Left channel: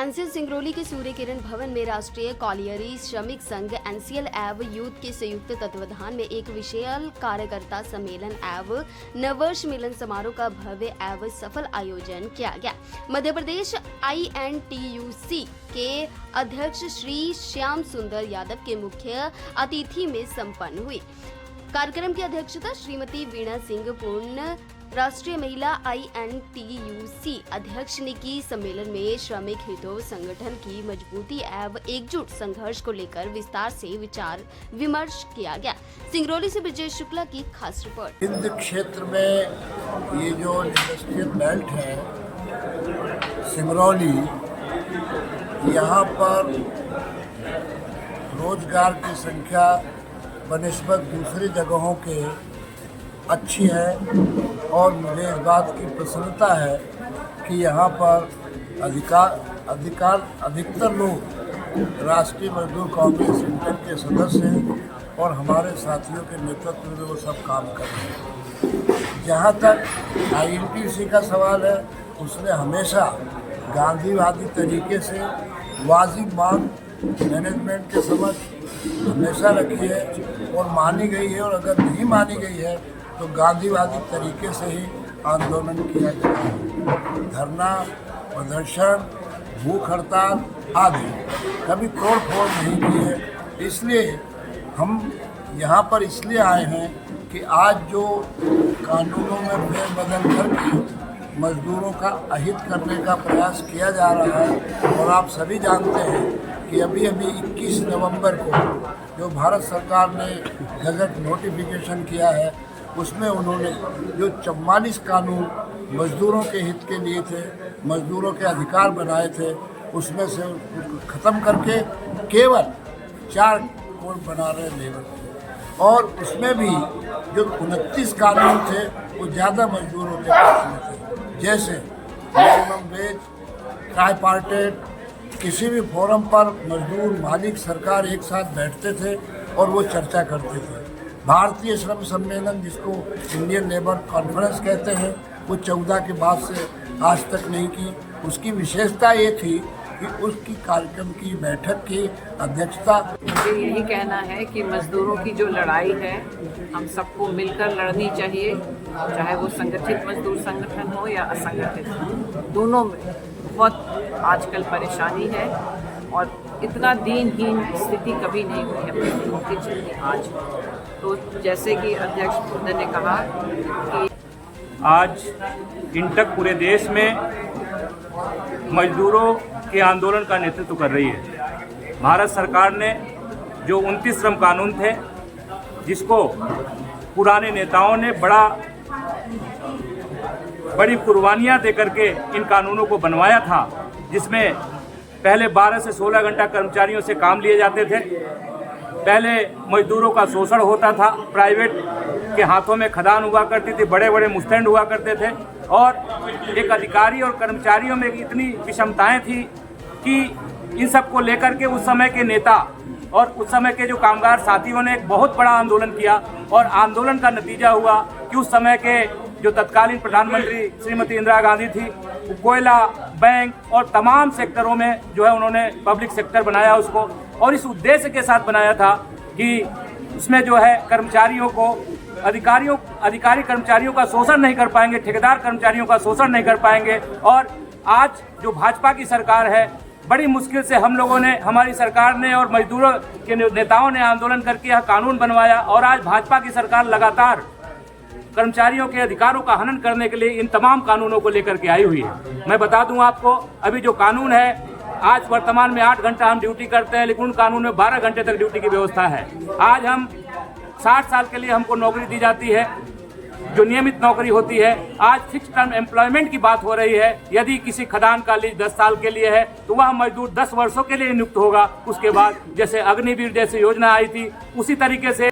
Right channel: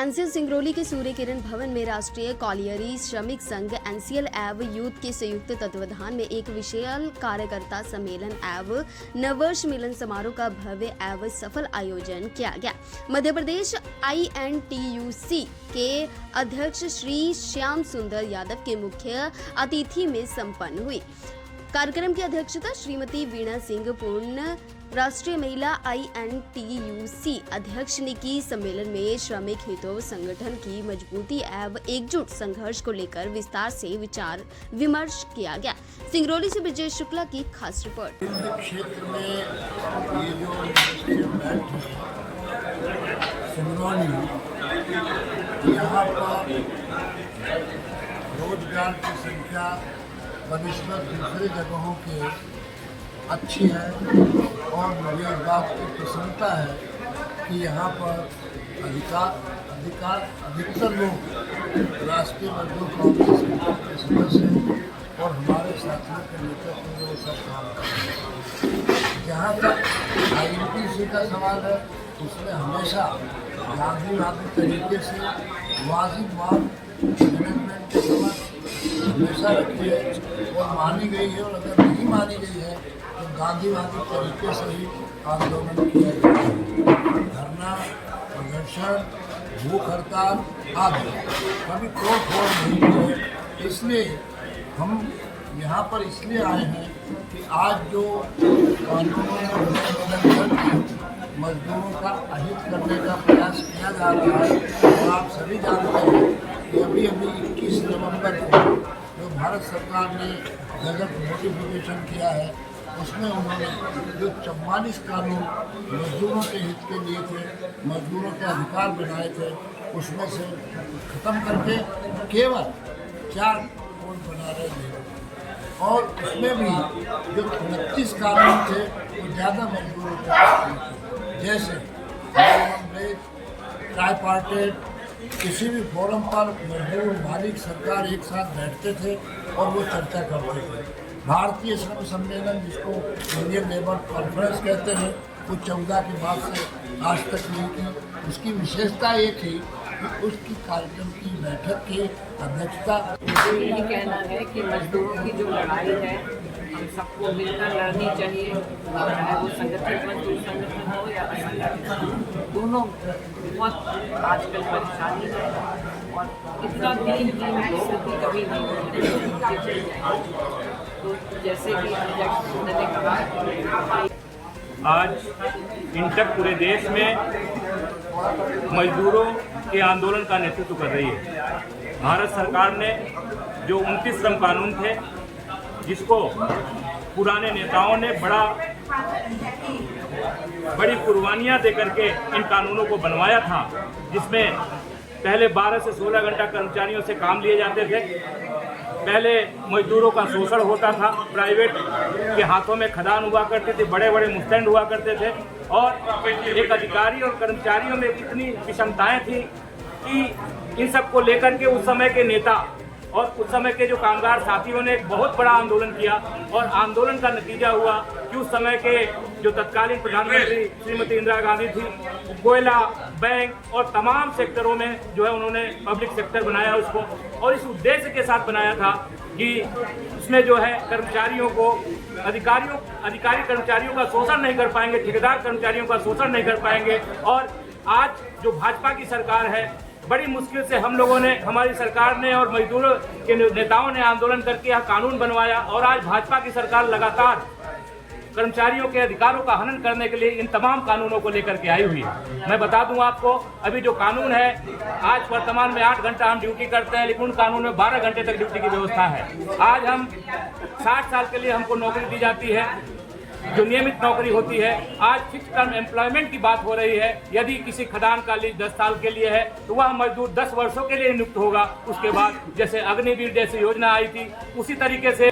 NCL Singrauli के सूर्य किरण भवन में राष्ट्रीय कॉलियरी श्रमिक संघ एनसीएल एवं यूथ के संयुक्त तत्वाधान में एक विशाल कार्यकर्ता सम्मेलन एवं नववर्ष मिलन समारोह का भव्य एवं सफल आयोजन किया गया। मध्य प्रदेश INTUC के अध्यक्ष श्री श्याम सुंदर यादव के मुख्य अतिथि में संपन्न हुई। कार्यक्रम की अध्यक्षता श्रीमती वीणा सिंह पूर्ण राष्ट्रीय महिला INTUC अध्यक्ष ने की। सम्मेलन में श्रमिक हितों संगठन की मजबूती एवं एकजुट संघर्ष को लेकर विस्तार से विचार विमर्श किया गया। सिंगरौली से विजय शुक्ला की खास रिपोर्ट। हिंद क्षेत्र में ये जो इंडस्ट्रियल बेल्ट है सिंगरौली, यहाँ पर रोजगार की संख्या बनिस्बत दूसरी जगहों के अच्छी है और मुझे इस बात की प्रसन्नता है कि यहाँ पर अधिकतर लोग राष्ट्रीय मजदूर कांग्रेस संगठन के सदस्य हैं और हमारे साथियों के नेतृत्व में वो सब काम कर रहे हैं। जहाँ तक INTUC का सवाल है, उसने हमेशा गांधीवादी तरीके से वाजिब मांग मैनेजमेंट के समक्ष हमेशा रखी है और मानी गई है, और अगर नहीं मानी गई है तो गांधीवादी तरीके से ही आंदोलन किया जाता है। धरना, प्रदर्शन, भूख हड़ताल आदि कभी तोड़ फोड़ नहीं की है। इसलिए हम यहाँ पर इसलिए आए हैं कि आज जो कानूनों में बदल करके मजदूरों का अहित करने का प्रयास किया जा रहा है, और आप सभी जानते हैं कि अभी 21 नवंबर को जो भारत सरकार ने गजट नोटिफिकेशन किया है, उसमें उन्होंने जो 44 कानून मजदूरों के हित के लिए थे, मजदूरों के अधिकार बनाए थे, उसमें से ख़त्म करके केवल 4 कोड बना रहे लेबर के। और उसमें भी जो 29 कानून थे वो ज़्यादा मजदूरों के पक्ष में थे, जैसे मिनिमम वेज, ट्राईपार्टेट। किसी भी फोरम पर मजदूर, मालिक, सरकार एक साथ बैठते थे और वो चर्चा करते थे। भारतीय श्रम सम्मेलन, जिसको इंडियन लेबर कॉन्फ्रेंस कहते हैं, वो 14 के बाद से आज तक नहीं की। उसकी विशेषता ये थी कि उसकी कार्यक्रम की बैठक की अध्यक्षता। मुझे यही कहना है कि मजदूरों की जो लड़ाई है हम सबको मिलकर लड़नी चाहिए, चाहे वो संगठित मजदूर संगठन हो या असंगठित, दोनों में बहुत आजकल परेशानी है और इतना दीनहीन स्थिति कभी नहीं हुई है मजदूरों के चलते आज। तो जैसे कि अध्यक्ष महोदय ने कहा कि आज इंटक पूरे देश में मजदूरों के आंदोलन का नेतृत्व कर रही है। भारत सरकार ने जो 29 श्रम कानून थे, जिसको पुराने नेताओं ने बड़ी कुर्बानियां दे करके इन कानूनों को बनवाया था, जिसमें पहले 12 से 16 घंटा कर्मचारियों से काम लिए जाते थे। पहले मजदूरों का शोषण होता था, प्राइवेट के हाथों में खदान हुआ करती थी, बड़े बड़े मुस्तैद हुआ करते थे, और एक अधिकारी और कर्मचारियों में इतनी विषमताएं थी कि इन सब को लेकर के उस समय के नेता और उस समय के जो कामगार साथियों ने एक बहुत बड़ा आंदोलन किया। और आंदोलन का नतीजा हुआ कि उस समय के जो तत्कालीन प्रधानमंत्री श्रीमती इंदिरा गांधी थी, वो कोयला, बैंक और तमाम सेक्टरों में जो है उन्होंने पब्लिक सेक्टर बनाया उसको, और इस उद्देश्य के साथ बनाया था कि उसमें जो है कर्मचारियों को अधिकारी कर्मचारियों का शोषण नहीं कर पाएंगे, ठेकेदार कर्मचारियों का शोषण नहीं कर पाएंगे। और आज जो भाजपा की सरकार है, बड़ी मुश्किल से हम लोगों ने, हमारी सरकार ने और मजदूरों के नेताओं ने आंदोलन करके यह कानून बनवाया, और आज भाजपा की सरकार लगातार कर्मचारियों के अधिकारों का हनन करने के लिए इन तमाम कानूनों को लेकर के आई हुई है। मैं बता दूं आपको, अभी जो कानून है, आज वर्तमान में 8 घंटा हम ड्यूटी करते हैं, लेकिन उन कानून में 12 घंटे तक ड्यूटी की व्यवस्था है। आज हम 60 साल के लिए हमको नौकरी दी जाती है, जो नियमित नौकरी होती है। आज फिक्स टर्म एम्प्लॉयमेंट की बात हो रही है। यदि किसी खदान का लीज 10 साल के लिए है तो वह मजदूर 10 वर्षों के लिए नियुक्त होगा। उसके बाद जैसे अग्निवीर जैसी योजना आई थी, उसी तरीके से